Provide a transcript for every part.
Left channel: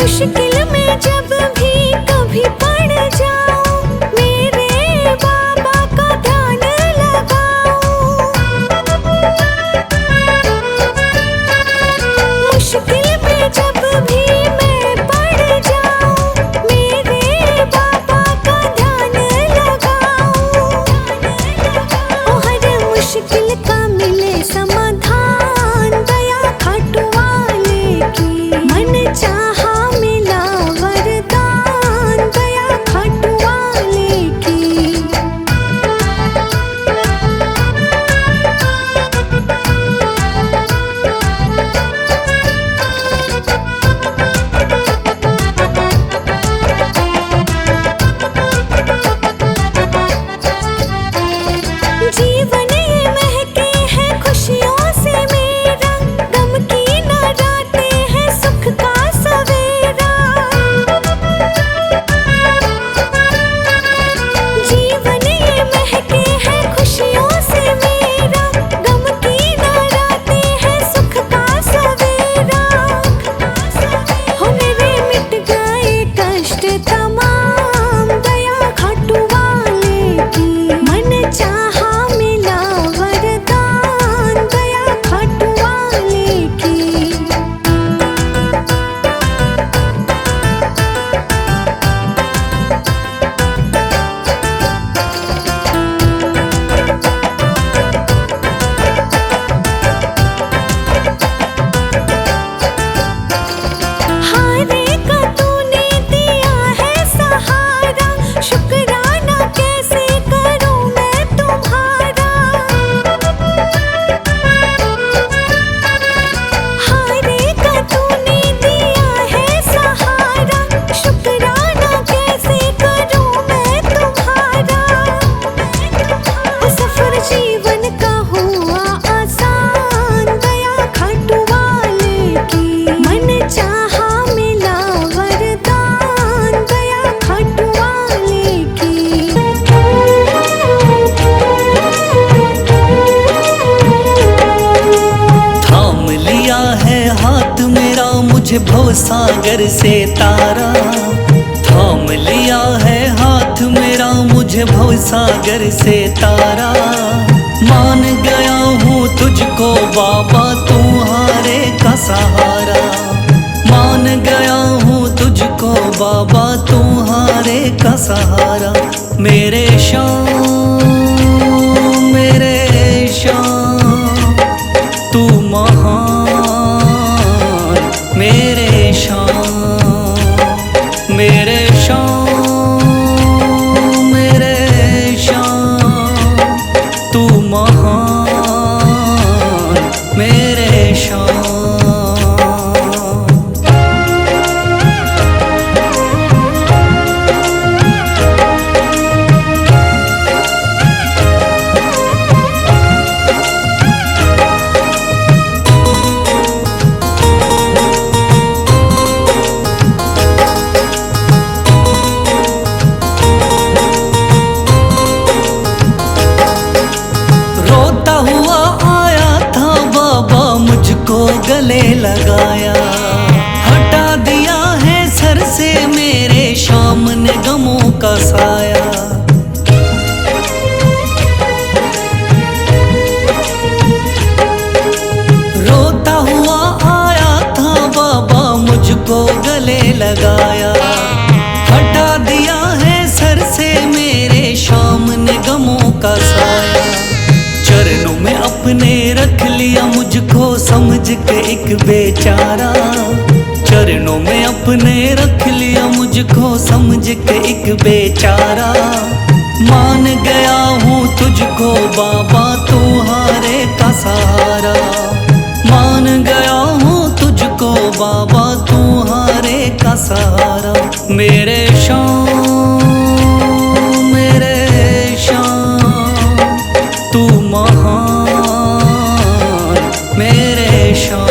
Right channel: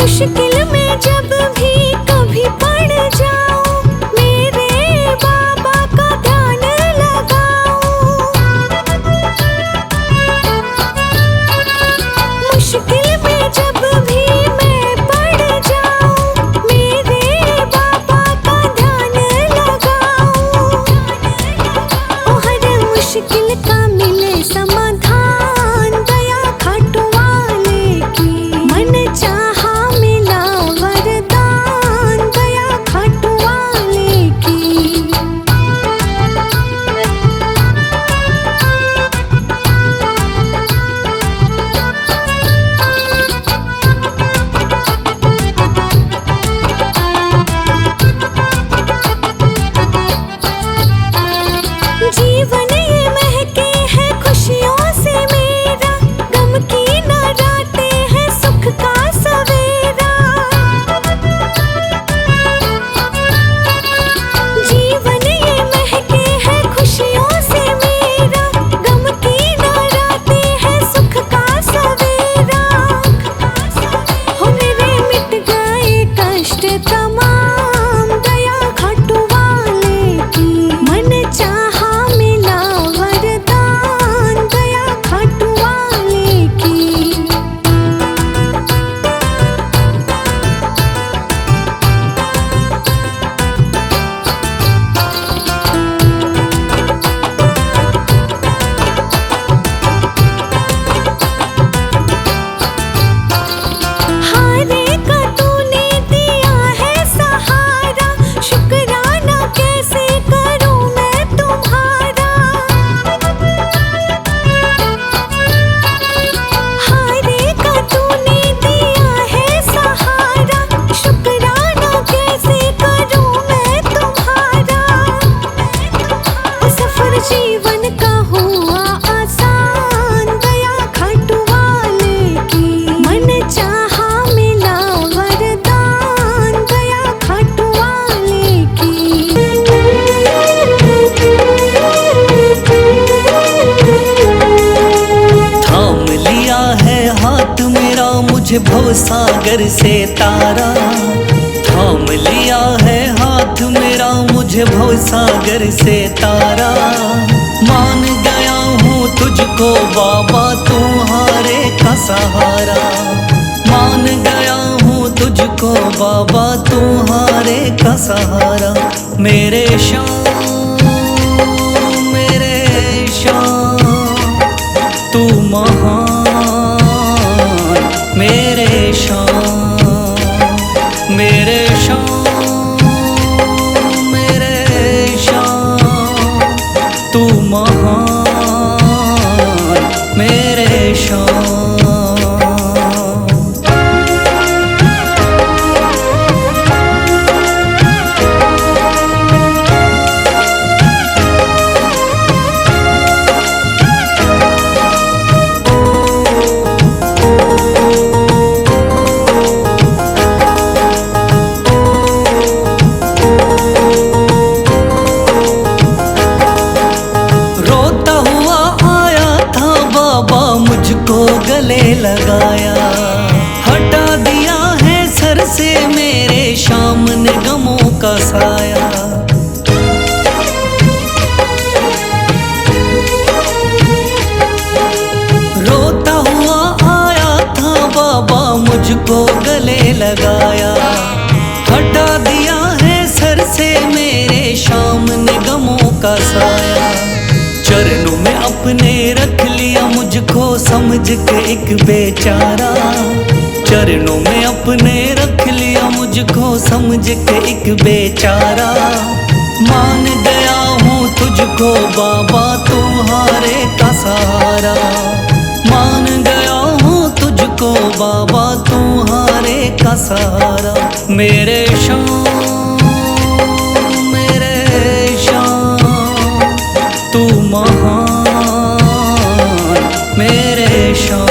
मुश्किल में जब भी कभी पड़ जाऊं, मेरे बाबा का ध्यान लगाऊं। मुश्किल में जब भी मैं पड़ जाऊं, मेरे बाबा का ध्यान लगाऊं। ओ हर मुश्किल का मिले समाधान, दया खाटू वाले की। मन चाहा मिला वरदान, दया खाटू वाले की। जीवन ये महके है खुशियों से मेरा, गम की न रातें हैं सुख का सवेरा। जीवन ये महके है खुशियों से मेरा, गम की न रातें हैं सुख का सवेरा। हो मेरे मिट गए कष्ट तमाम, दया खाटू वाले की। मन चाहा मिला वरदान, दया खाटू वाले की। हारे का तूने दिया है सहारा, शुक्राना कैसे करूं मैं तुम्हारा। हारे का तूने दिया है सहारा, शुक्राना कैसे करूं मैं तुम्हारा। ओ सफर जीवन का हुआ आसान, दया खाटू वाले की। मन चाहा मिला वरदान, दया खाटू वाले की। थाम लिया है हाथ मेरा मुझे भवसागर से तारा। थाम लिया है हाथ मेरा मुझे भवसागर से तारा। मान गया हूँ तुझको बाबा तुम्हारे का सहारा। मान गया हूँ तुझको बाबा तुम्हारे का सहारा। मेरे शाम मेरे शाम तू महान। मेरे शाम मेरे शाम मेरे शाम तू महान। मेरे शाम रोता हुआ आया था बाबा मुझको गले लगाया। हटा दिया है सर से मेरे शाम ने गमों का साया। रोता हुआ आया था बाबा मुझको गले लगाया। हटा दिया है सर से मेरे शाम ने गमों का साया। चरणों में अपने रख लिया मुझको समझ के एक बेचारा। चरणों में अपने रख लिया मुझको समझ के एक बेचारा। मान गया हूँ तुझको बाबा तुम्हारे का सहारा। मान गया हूँ तुझको बाबा तुम्हारे का सहारा। मेरे शाम मेरे शाम तू महान। मेरे शाम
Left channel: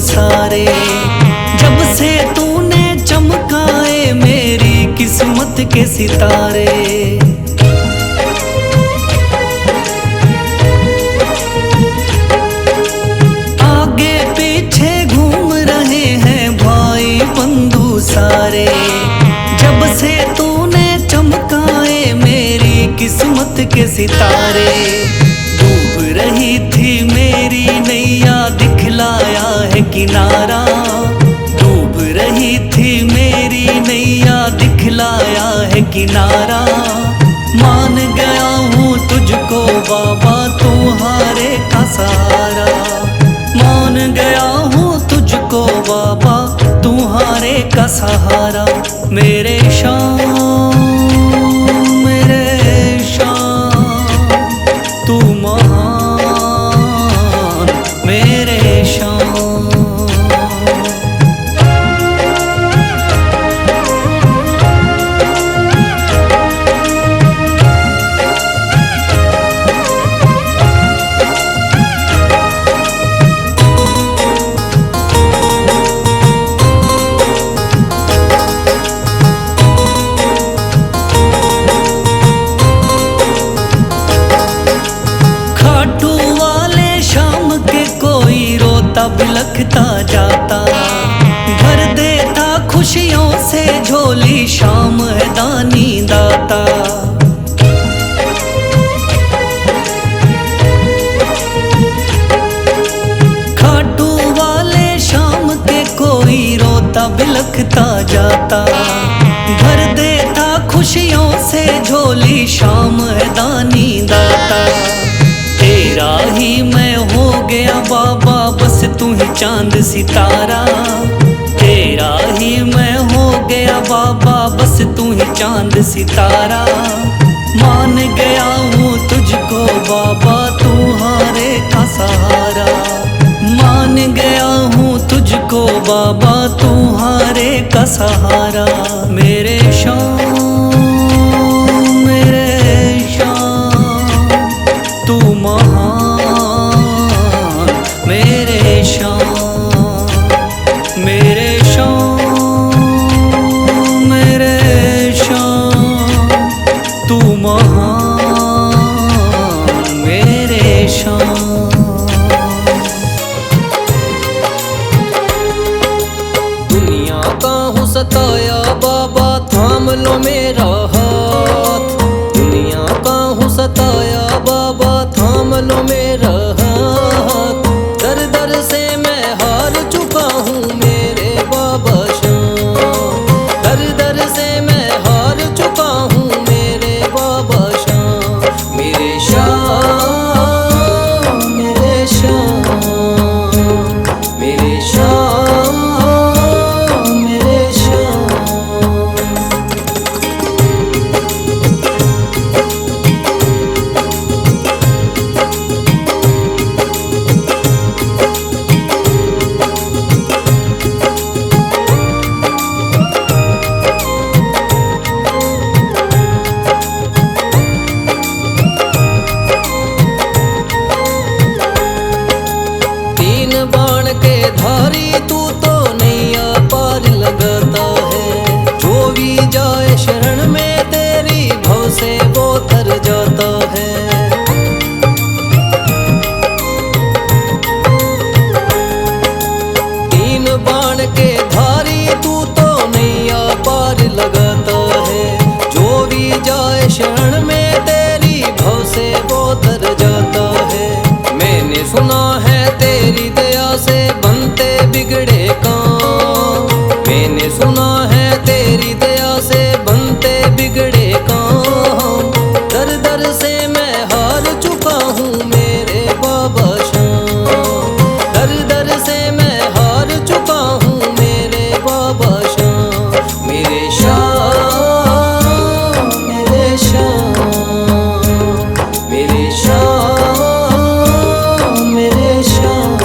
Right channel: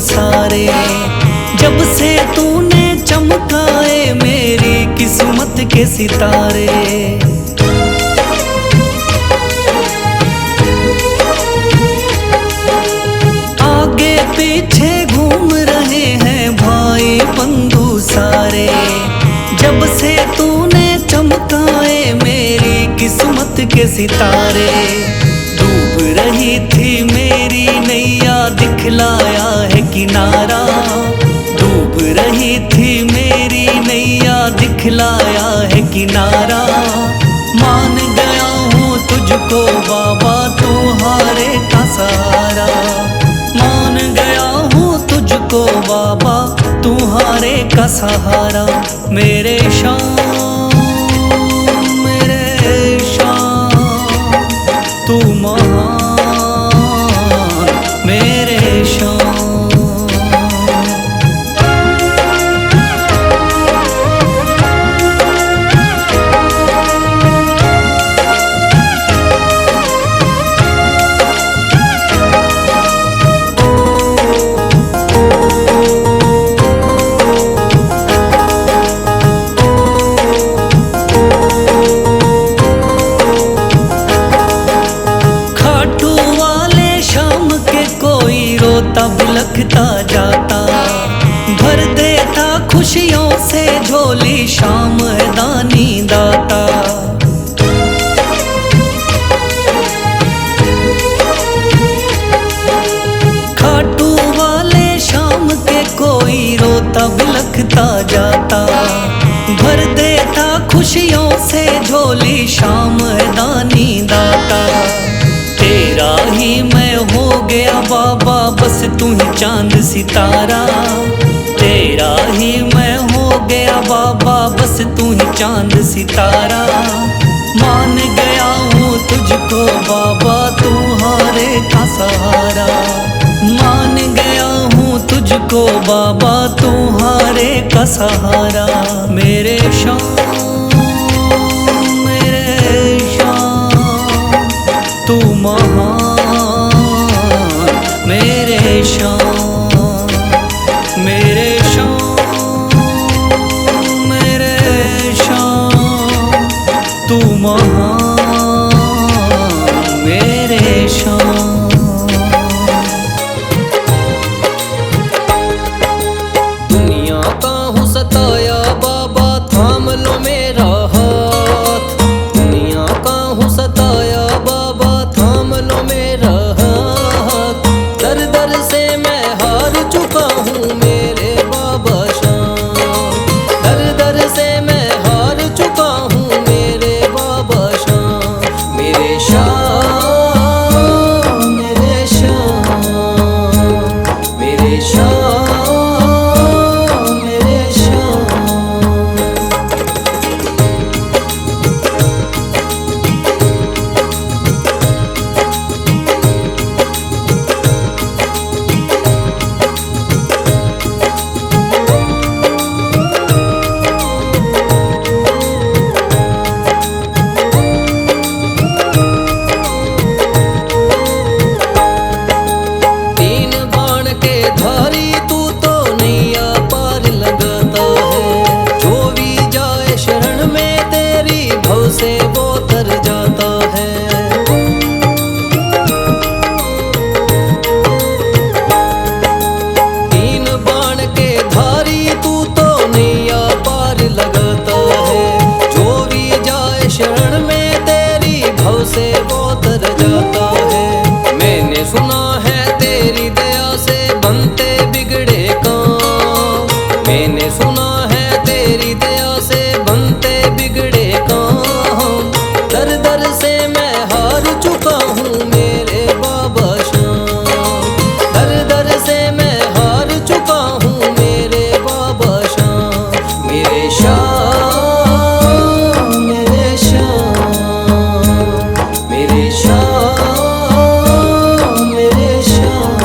सारे। जब से तूने चमकाए मेरी किस्मत के सितारे। आगे पीछे घूम रहे हैं भाई बंधु सारे। जब से तूने चमकाए मेरी किस्मत के सितारे। डूब रही थी मेरी नैया दिखलाया है किनारा। डूब रही थी मेरी नैया दिखलाया है किनारा। मान गया हूँ तुझको बाबा तुम्हारे का सहारा। मान गया हूँ तुझको बाबा तुम्हारे का सहारा। मेरे शाम तू महान मेरे शाम। खाटू वाले शाम के कोई रोता बिलखता जाता। भर देता खुशियों से झोली शाम है दानी दाता। खाटू वाले शाम के कोई रोता बिलखता जाता। भर देता खुशियों से झोली शाम है दानी दाता। तेरा ही मैं हो गया बाबा बस तू ही चांद सितारा। तेरा ही मैं हो गया बाबा बस तू ही चांद सितारा। मान गया हूँ तुझको बाबा तुम्हारे का सहारा। मान गया हूँ तुझको बाबा तुम्हारे का सहारा। मेरे शाम तू महान मेरे शाम। मेरे शाम तू महान मेरे शाम। दुनिया का हूँ सताया बाबा थाम लो मेरा हाथ। दुनिया का हूँ सताया बाबा थाम लो मेरा हाथ। दर दर से मैं हार चुका हूँ मेरे बाबा शाम। दर दर से मैं हार चुका हूँ मेरे बाबा शाम। मेरे शाम मेरे शाम मेरे शाम मेरे शाम। तीन बाण के धारी तू तो नैया पार लगाता है। जो भी जाए शरण में तेरी भव से वो तर जाता है। तीन बाण के धारी तू तो नैया पार लगाता है। जो भी जाए शरण में तेरी भव से वो तर जाता है। मैंने सुना है तेरी दया से बनते बिगड़े काम। मैंने सुना है तेरी दया से बनते बिगड़े काम। दर दर से मैं हार चुका हूँ मेरे बाबा शाम। दर दर से मैं हार चुका हूँ मेरे बाबा शाम। मेरे शाम मेरे शाम मेरे शाम मेरे शाम।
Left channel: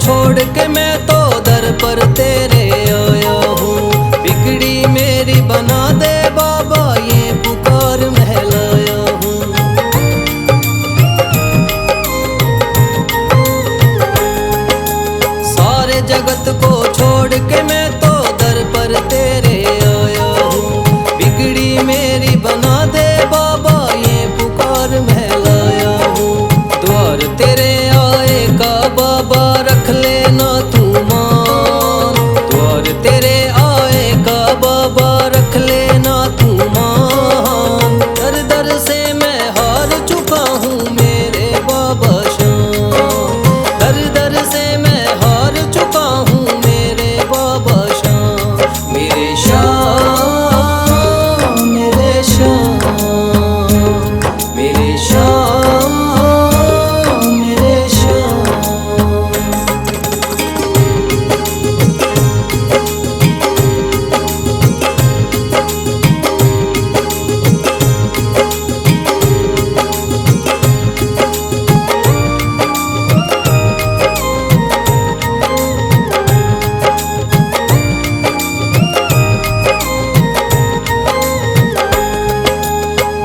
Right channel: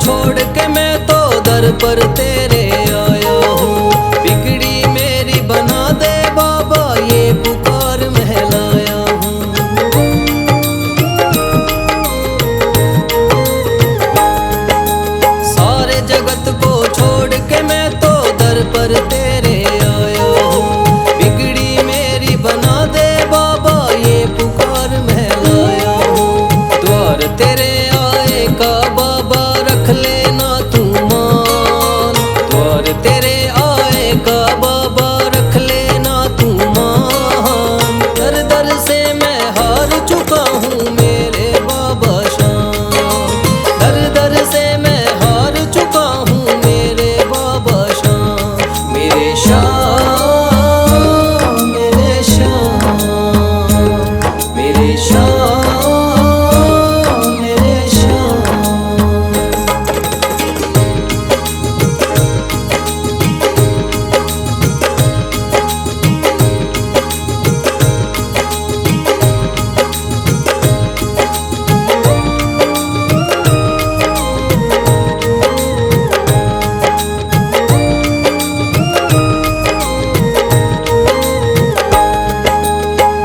छोड़ के मैं तो दर पर तेरे आया हूँ। बिगड़ी मेरी बना दे बाबा ये पुकार महलाया हूँ। सारे जगत को छोड़ के मैं तो दर पर तेरे आया हूँ। बिगड़ी मेरी बना दे बाबा ये पुकार महलाया हूँ। द्वार तेरे आए का बाबा रख लेना तू मान। द्वार तेरे आए का बाबा रख लेना तू मान। दर दर से मैं हार चुका हूँ मेरे बाबा शाम। दर दर से मैं हार चुका हूँ मेरे बाबा शाम। मेरे शाम मेरे शाम मेरे शाम मेरे शाम।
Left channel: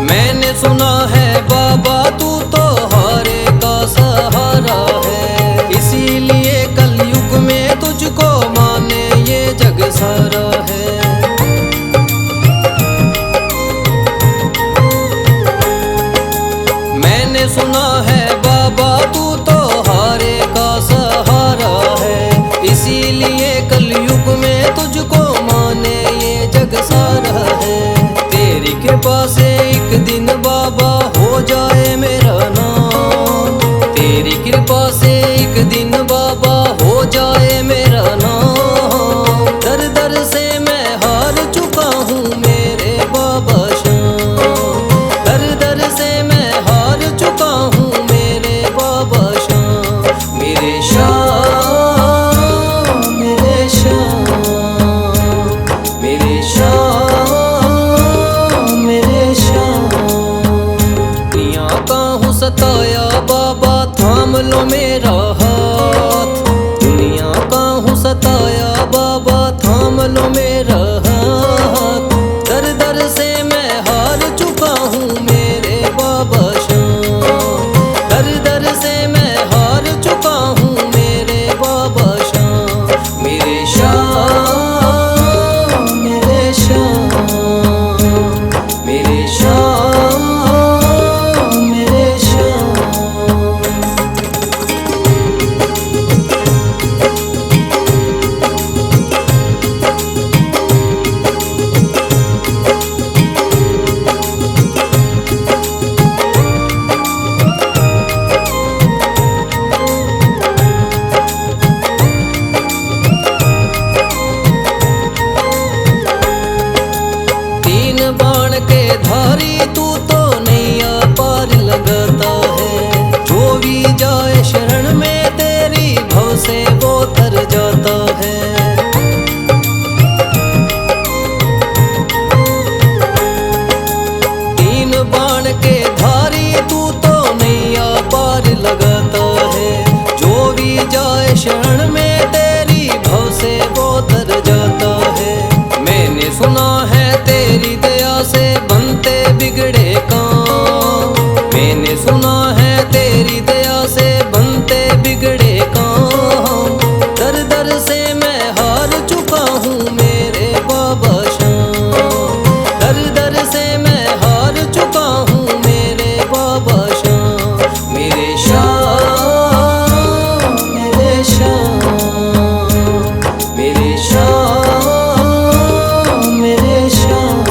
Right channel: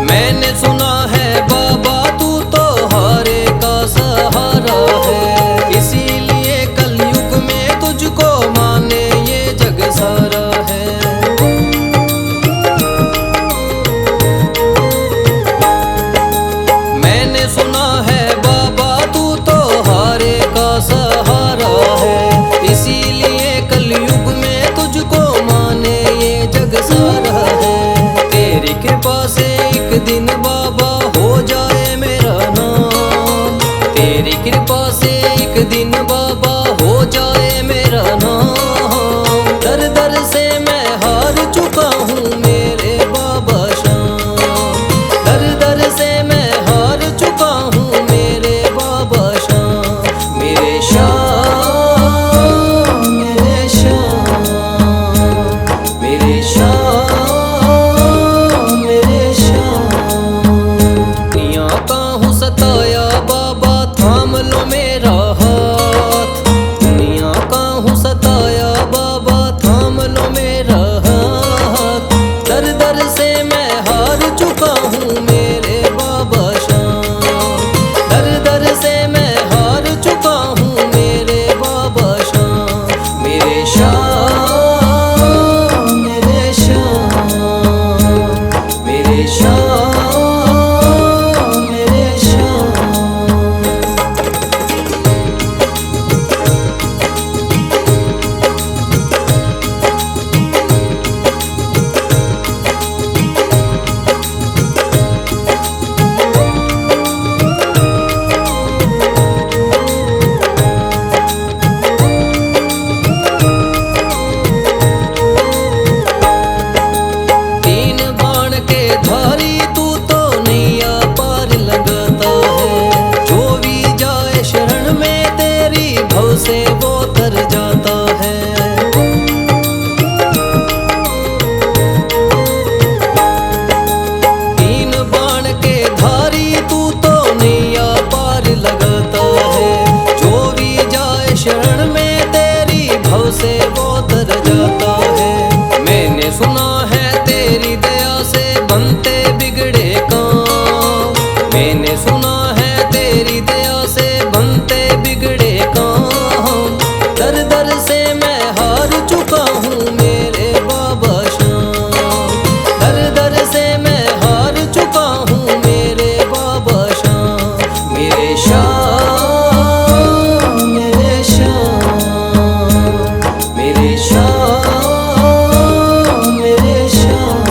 मैंने सुना है बाबा तू तो हारे का सहारा है। इसीलिए कलयुग में तुझको माने ये जग सारा है। मैंने सुना है बाबा तू तो हारे का सहारा है। इसीलिए कलयुग में तुझको माने ये जग सारा है। तेरी कृपा से एक दिन बाबा हो जाए मेरा नाम। तेरी कृपा से एक दिन बाबा हो जाए मेरा नाम। दर दर से मैं हार चुका हूँ मेरे बाबा शाम। दर दर से मैं हार चुका हूँ मेरे बाबा शाम। मेरे शाम मेरे शाम मेरे शाम मेरे शाम। दुनिया का हूँ सताया बाबा थाम लो मेरा हाथ। दुनिया का हूँ सताया बाबा थाम लो मेरा हाथ। दर दर से मैं हार चुका हूँ मेरे बाबा शाम। दर दर से मैं हार चुका हूँ मेरे बाबा शाम। मेरे शाम मेरे शाम मेरे शाम मेरे शाम। तीन बाण के धारी तू तो नैया पार लगाता है। जो भी जाए शरण में तेरी भव से वो तर जाता है। तीन बाण के धारी तू तो नैया पार लगाता है। जो भी जाए शरण में तेरी भव से वो तर जाता है। मैंने सुना है तेरी दया से बनते बिगड़े काम। मैंने सुना है तेरी दया से बनते बिगड़े काम। दर दर से मैं हार चुका हूँ मेरे बाबा शाम। दर दर से मैं हार चुका हूँ मेरे बाबा शाम। मेरे शाम मेरे शाम मेरे शाम मेरे शाम।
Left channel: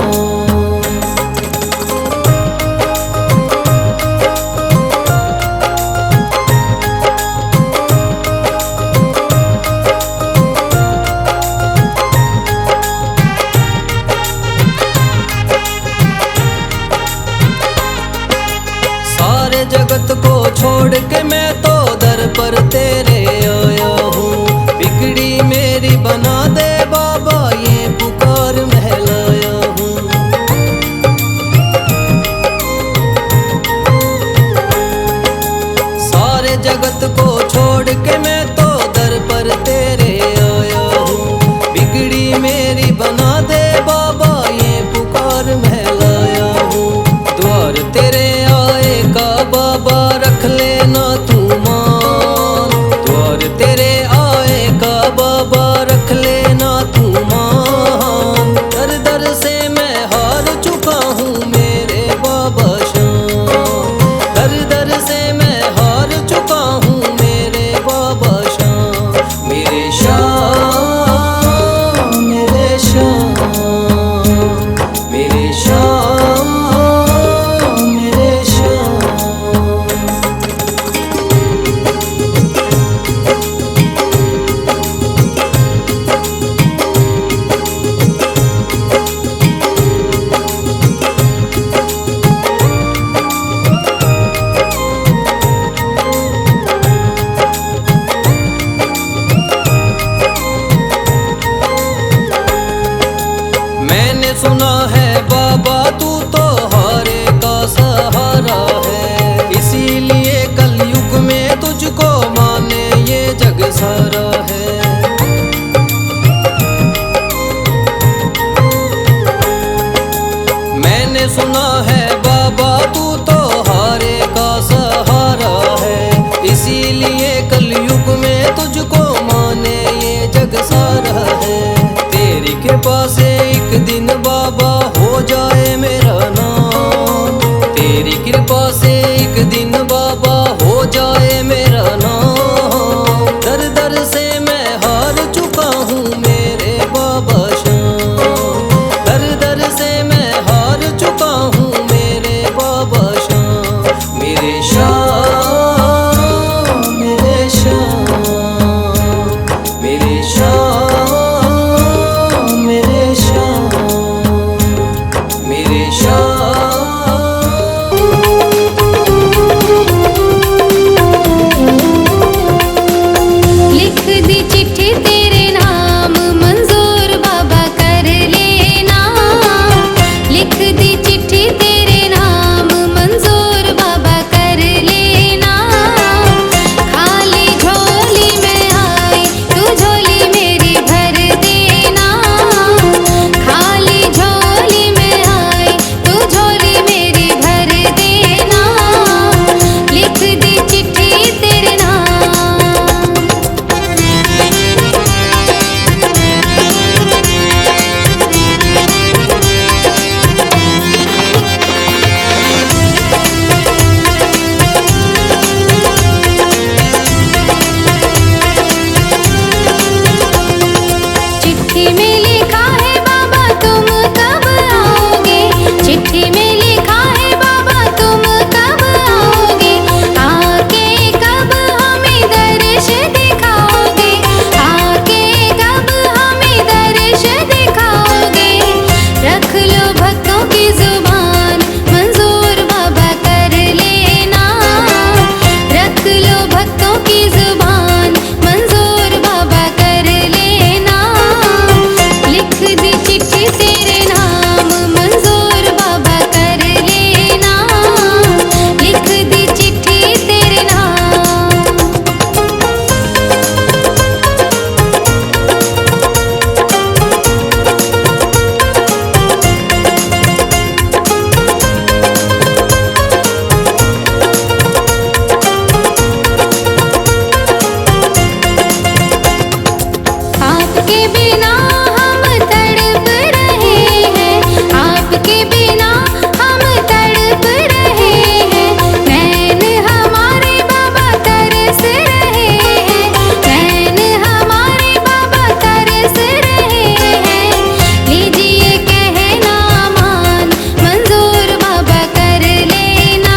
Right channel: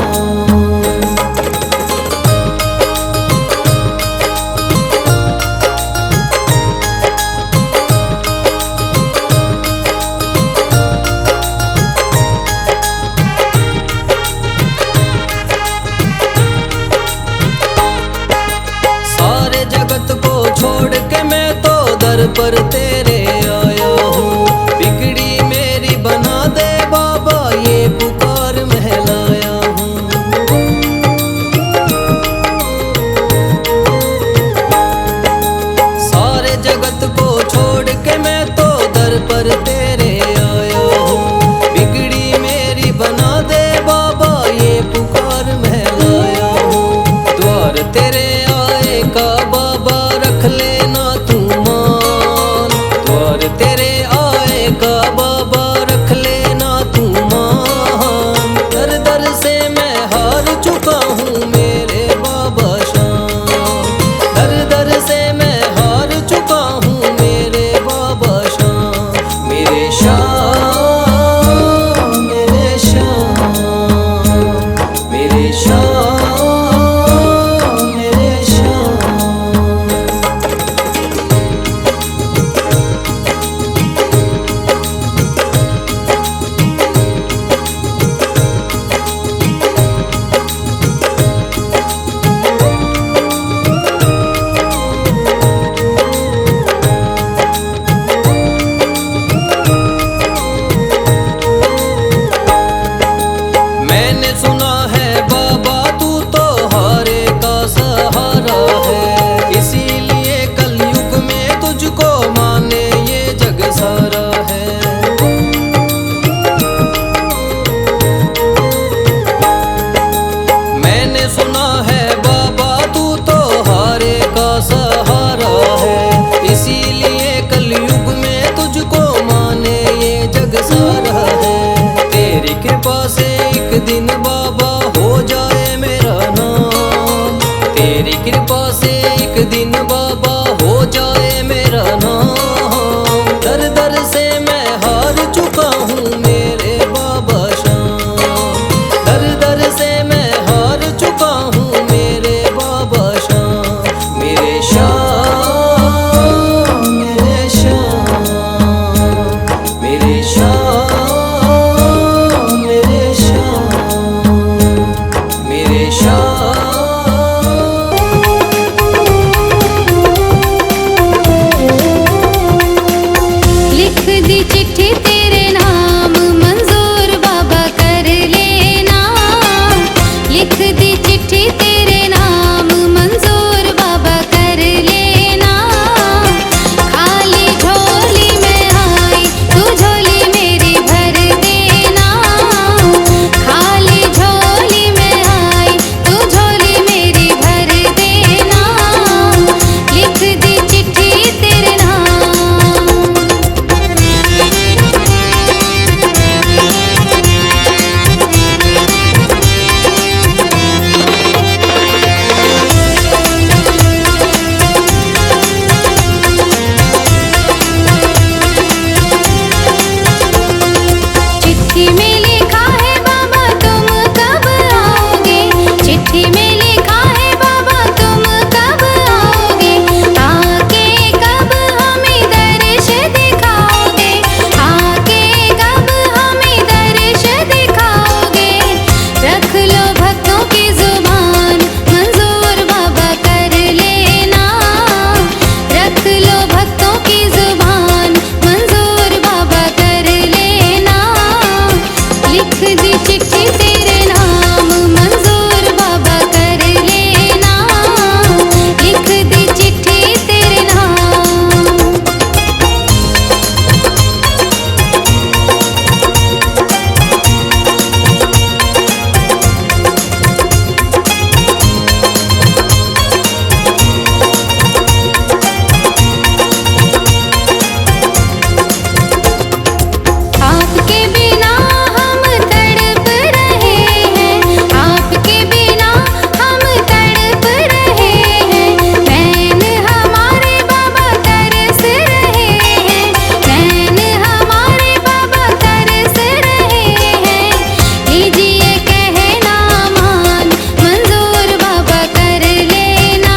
सारे जगत को छोड़ के मैं तो दर पर तेरे आया हूँ। बिगड़ी मेरी बना दे बाबा ये पुकार महलाया हूँ। सारे जगत को छोड़ के मैं तो दर पर तेरे आया हूँ। बिगड़ी मेरी बना दे बाबा, ये पुकार मैं लाया हूँ। द्वार तेरे आए का बाबा रख लेना तू मान। द्वार तेरे आए का बाबा रख लेना तू मान। दर दर से मैं हार चुका हूँ मेरे बाबा श्याम। दर दर से मैं हार चुका हूँ मेरे बाबा श्याम। मेरे श्याम, मेरे श्याम, मेरे श्याम, मेरे श्याम। मैंने सुना है बाबा तू तो हारे का सहारा है, इसीलिए कलयुग में तुझको माने ये जग सारा है। मैंने सुना है बाबा तू तो हारे का सहारा है, इसीलिए कलयुग में तुझको माने ये जग सारा है। तेरी कृपा से एक दिन बाबा हो जाए मेरा नाम। तेरी कृपा से एक दिन बाबा हो जाए मेरा नाम। दर दर से मैं हार चुका हूँ मेरे बाबा श्याम। दर दर से मैं हार चुका हूँ मेरे बाबा श्याम। मेरे श्याम, मेरे श्याम, मेरे श्याम, मेरे श्याम, मेरे श्याम। लिख दी चिट्ठी तेरे नाम मंजूर बाबा कर लेना। लिख दी चिट्ठी तेरे नाम मंजूर बाबा कर लेना। खाली झोली में आई तू झोली मेरी भर देना। खाली झोली में आई तू झोली मेरी भर देना। लिख दी चिट्ठी तेरे नाम। चिट्ठी में लिखा है बाबा तुम कब आओगे। चिट्ठी में लिखा है बाबा तुम कब आओगे। आके कब हमें दर्श दिखाओगे। आके कब हमें दर्श दिखाओगे। रख लो भक्तों की जुबान मंजूर बाबा कर लेना। रख लो भक्तों की जुबान मंजूर बाबा कर लेना। लिख दी चिट्ठी तेरे नाम मंजूर बाबा कर लेना। लिख दी चिट्ठी तेरे नाम। आपके बिना हम तड़प रहे हैं। आपके बिना हम तड़प रहे हैं। नैन हमारे बाबा तरस रहे हैं। नैन हमारे बाबा तरस रहे हैं। लीजिए कहना मान मंजूर बाबा कर लेना।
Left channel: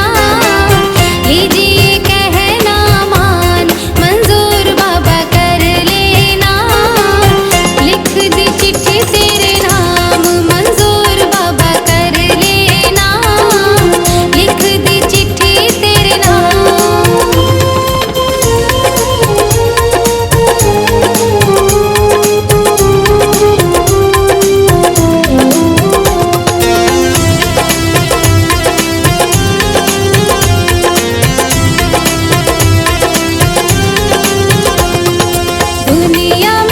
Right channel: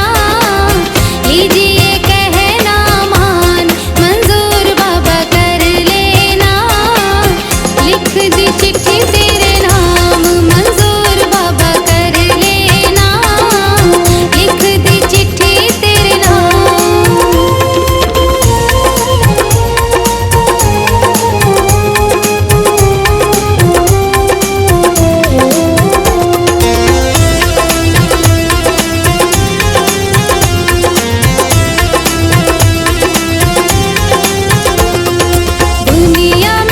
लीजिए कहना मान मंजूर बाबा कर लेना। लिख दी चिट्ठी तेरे नाम मंजूर बाबा कर लेना। लिख दी दुनिया